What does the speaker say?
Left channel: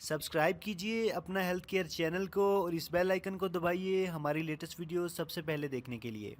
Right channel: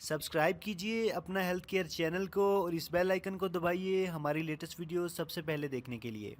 Subscribe कीजिए अपना health care channel को और इस बेल आइकन को दबाइए हमारी लेटेस्ट वीडियो सबसे पहले देखने के लिए।